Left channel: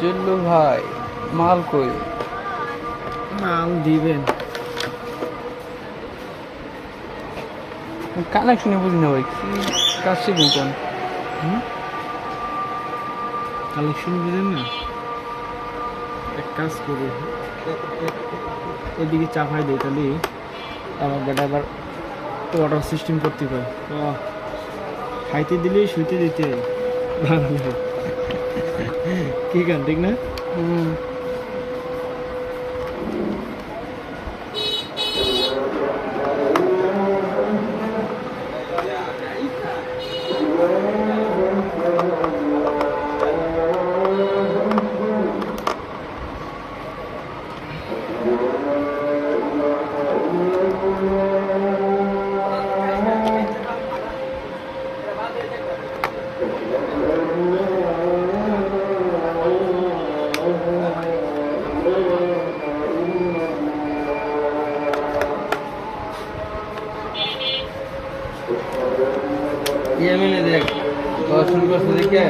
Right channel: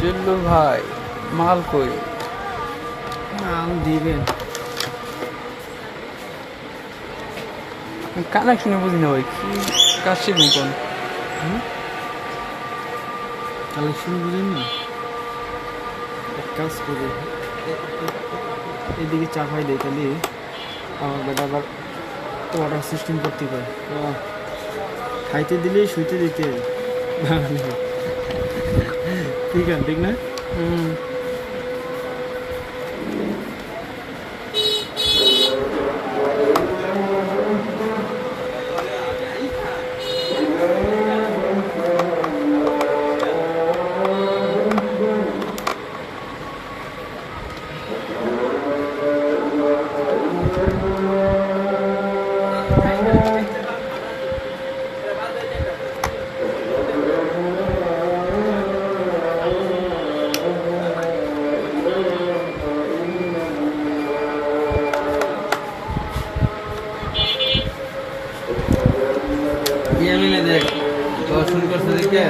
জুল্লু ভাই মাল কই? মাল দিবেন কানেকশনে বুঝি না ভাই কি কাজ শিখুন কোন? কালেকশন বুঝেন না? এক কাজ করে। এদিকে চাপাই দেয় তাহলে। আমার বেটা আবার ওয়াটার সিস্টেম করতে পারে খাইতে দিলে শুইতে দিতে। ভালো। Khi gần tính đấy. Ừ. দর্শন করছে দেখে?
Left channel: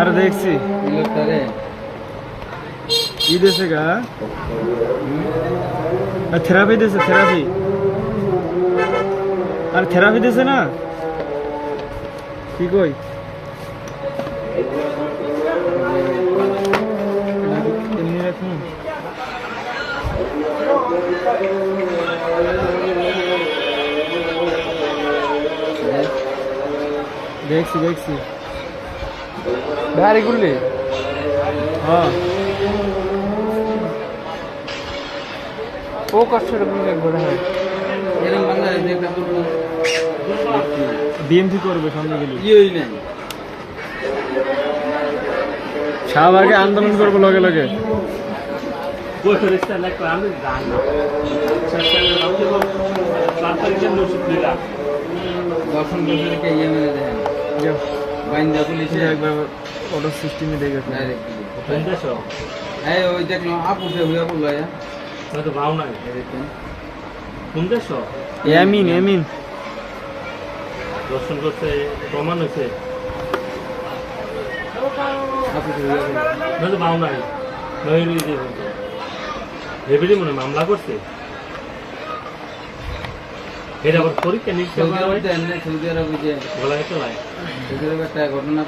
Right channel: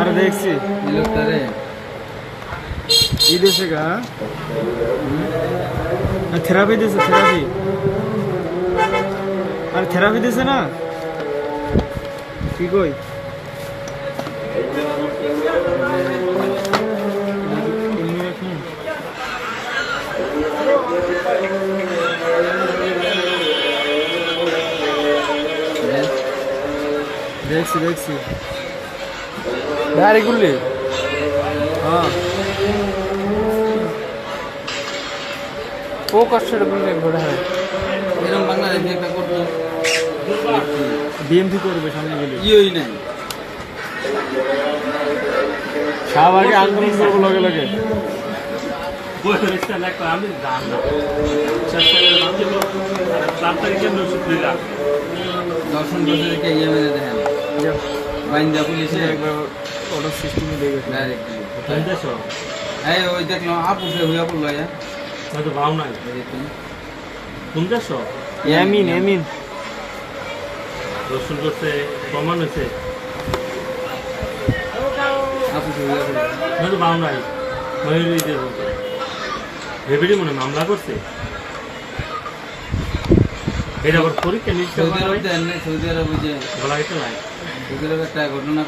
আরে দেখছি। লোকটারে। ই দেশে গা থেরাপি দিছে থেরাপি। আর থেরাপি দিছে না? কি কই? রাখি। দেখছি দেখছি। ডাইরেক্ট গুললি হ্যাঁ। ও কষ্টের গুলি ঘোরা হয় করতো বিএমপি করবে সামনে গেলে। ইয়েই নাই। শাহবাগে আন্দোলন করব লগে লগে। দর্শন করছে দেখে ইয়েমেনে দেখেন বাইন্দা পুলিশে একবার অর্ডার সিস্টেমে দেখে ডাইরেক্ট এই ওই দেখলাম আপুসে হইয়া পড়ল এ দেখেন। এমিন এমিন দর্শন করতে প্রমাণ হয়েছে। আপুসে হইয়া পড়ল নয়তো মাও নাই। ময়ূরী যে মামলা করছে। এটা আবার পরীক্ষা নিচ্ছে সৌদি আরব সৌদি আরব যে গলা হেঁটে লাই। সৌদি আরব একটা ঘটনা